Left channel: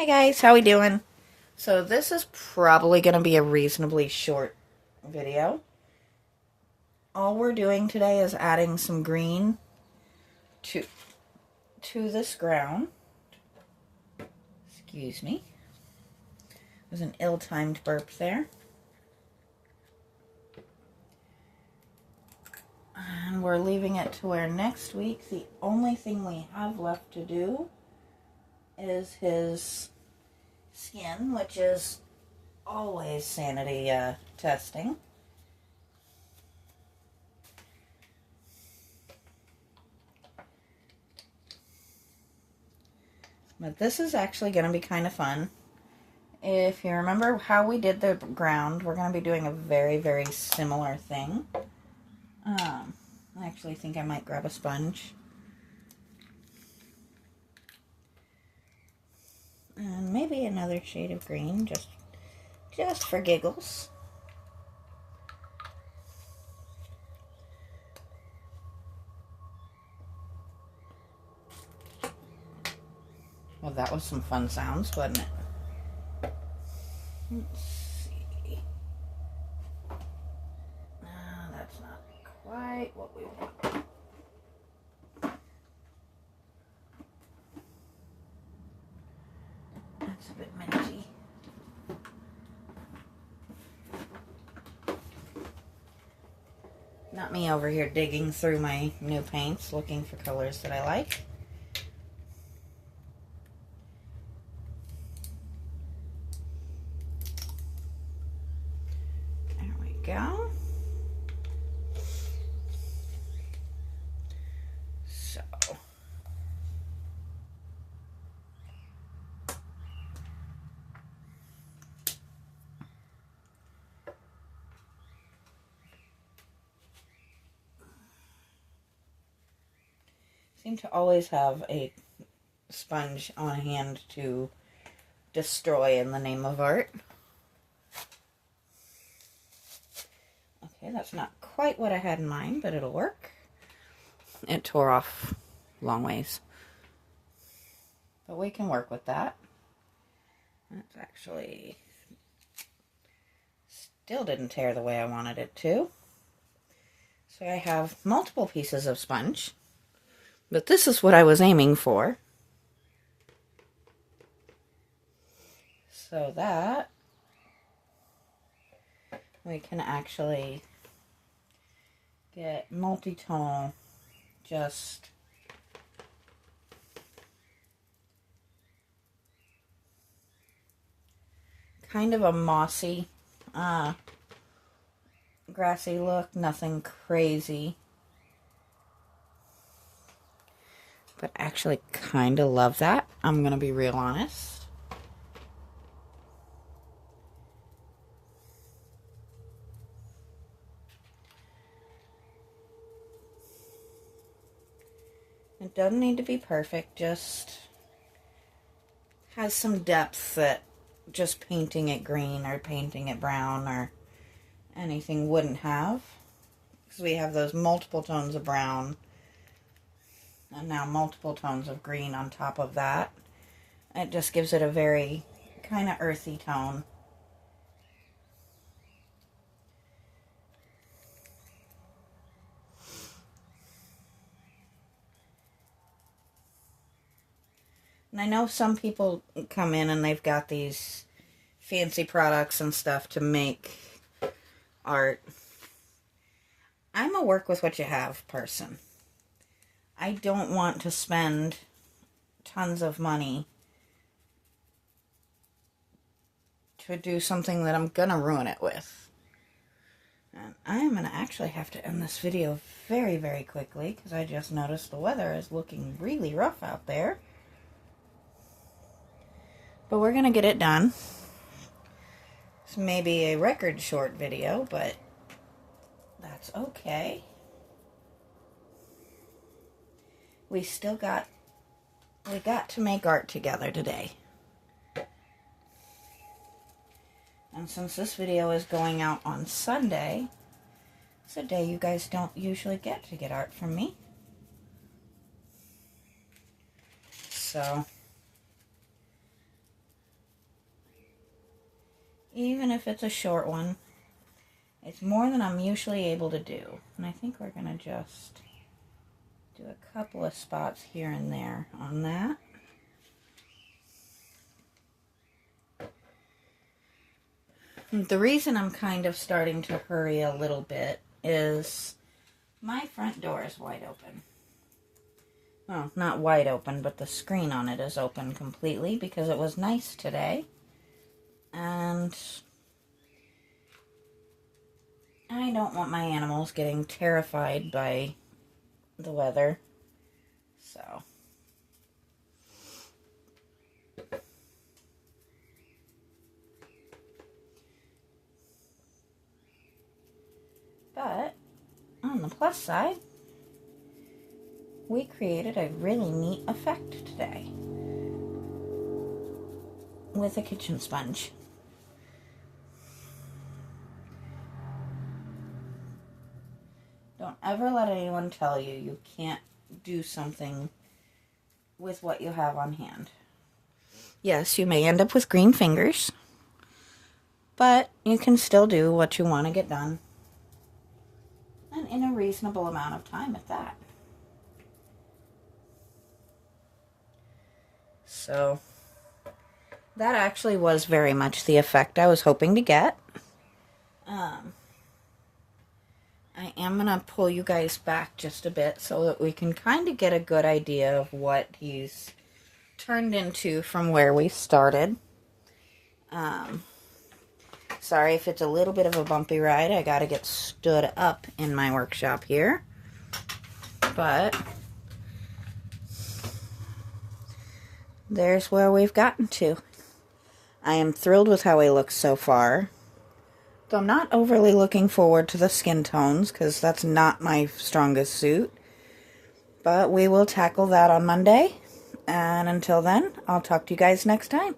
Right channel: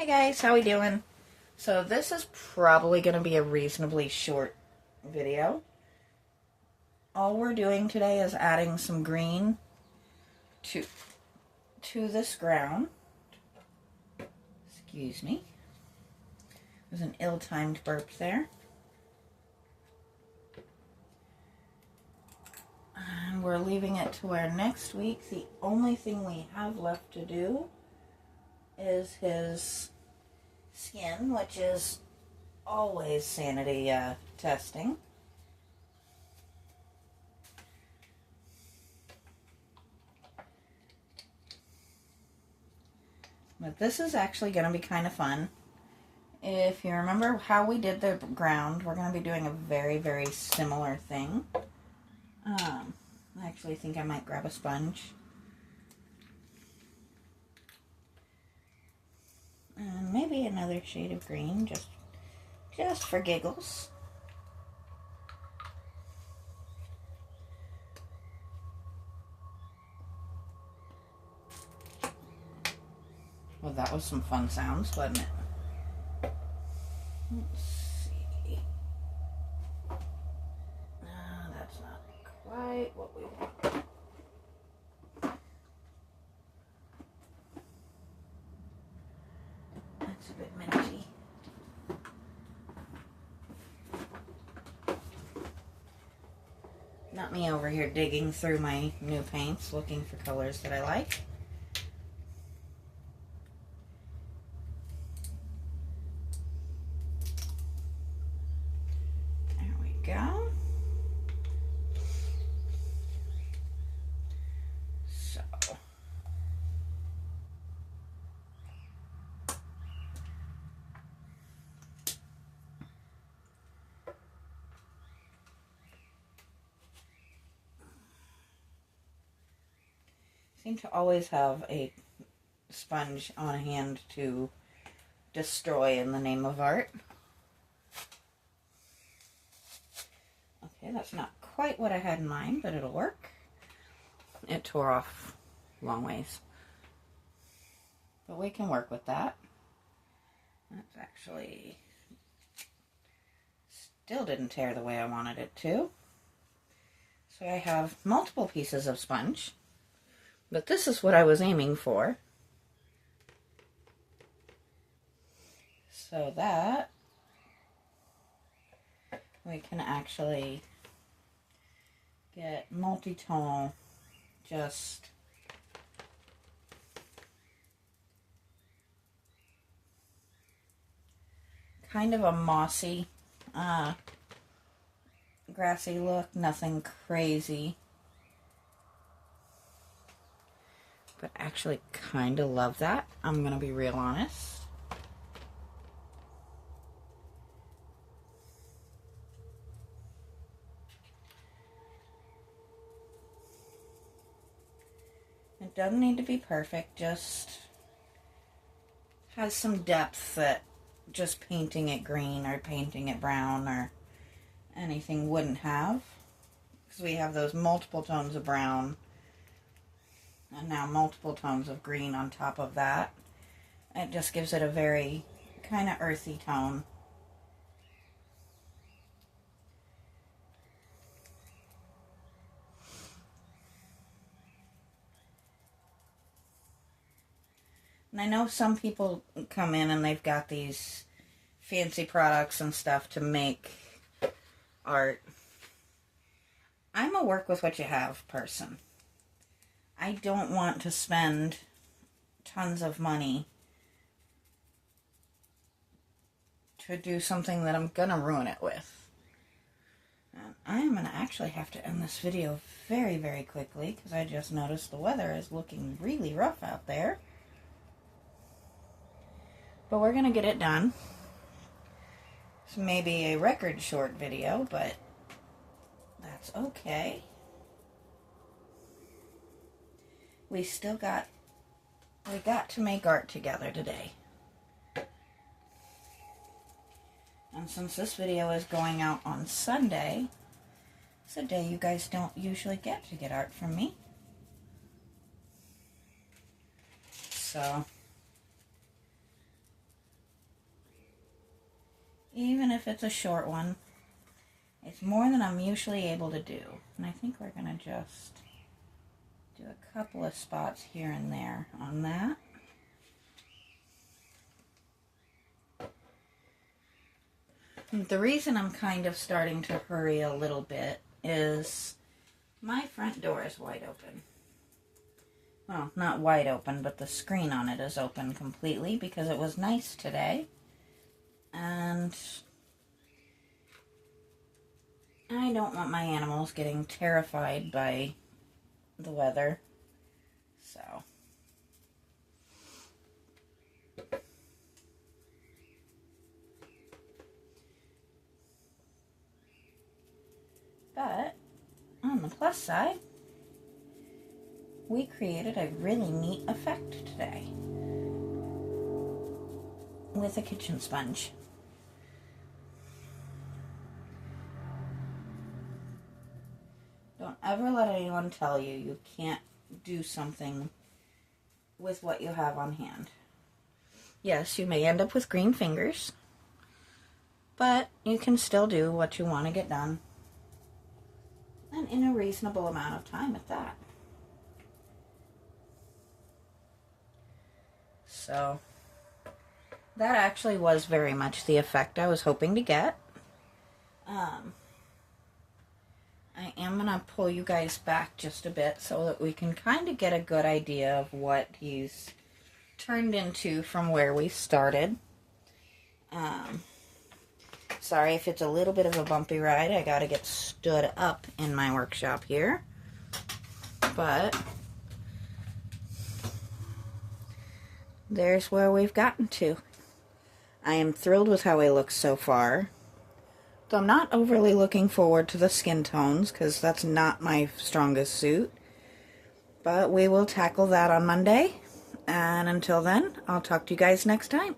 Hey guys, how we doing? So this is probably going to be a reasonably short video. All we're doing today is adding some green to this ground. Excuse me. There's an ill-timed burp there. And we're leaving it to where next week the only thing we have left to do is his skin, which is always sanity testing. But this is actually going to be kind of fun. If you remember how we did the ground, we're going to be doing a very, very similar thing. I actually think I might grab a sponge. And maybe another shade of green, just for giggles. Well, that was some fun sounds, wasn't it? Let's see. That's not quite what we want. That's a bit minty. Not me over here digging through my new paints looking for colors that I like. There we go. So. Seem to always have a sponge on hand to destroy in the name of art. Okay, that's not quite what I had in mind, but it'll work. It tore off long ways. But we can work with that. That's actually still didn't tear the way I wanted it to. So I have multiple pieces of sponge. But this is what I was aiming for. So that we can actually get multi-tone, just kind of a mossy, grassy look, nothing crazy. But actually kind of love that. I'm going to be real honest. It doesn't need to be perfect, just has some depth that just painting it green or painting it brown or anything wouldn't have. Because we have those multiple tones of brown and now multiple tones of green on top of that. It just gives it a very kind of earthy tone. And I know some people come in and they've got these fancy products and stuff to make art. I'm a work with what you have person. I don't want to spend tons of money to do something that I'm gonna ruin it with. And I am gonna actually have to end this video very, very quickly because I just noticed the weather is looking really rough out there. But we're gonna get it done. It's maybe a record short video, but that's okay. We got to make art together today. And since this video is going out on Sunday, it's a day you guys don't usually get to get art from me. So even if it's a short one. It's more than I'm usually able to do. And I think we're going to just do a couple of spots here and there on that. The reason I'm kind of starting to hurry a little bit is my front door is wide open. Well, not wide open, but the screen on it is open completely because it was nice today. And I don't want my animals getting terrified by the weather. So but on the plus side, we created a really neat effect today with a kitchen sponge. Don't ever let anyone tell you you can't do something with what you have on hand. Yes, you may end up with green fingers, but you can still do what you want to get done, and in a reasonable amount of time at that. So that actually was very much the effect I was hoping to get. I am going to pull you guys back just a bit so that we can kind of get a good idea of what he's turned into from where we started. Sorry if it's a little bit of a bumpy ride. I got to get stood up in my workshop here. But there's where we've gotten to. I am thrilled with how he looks so far. So I'm not overly looking forward to the skin tones because that's not my strongest suit. But we will tackle that on Monday. And until then, I'll talk to you guys next time.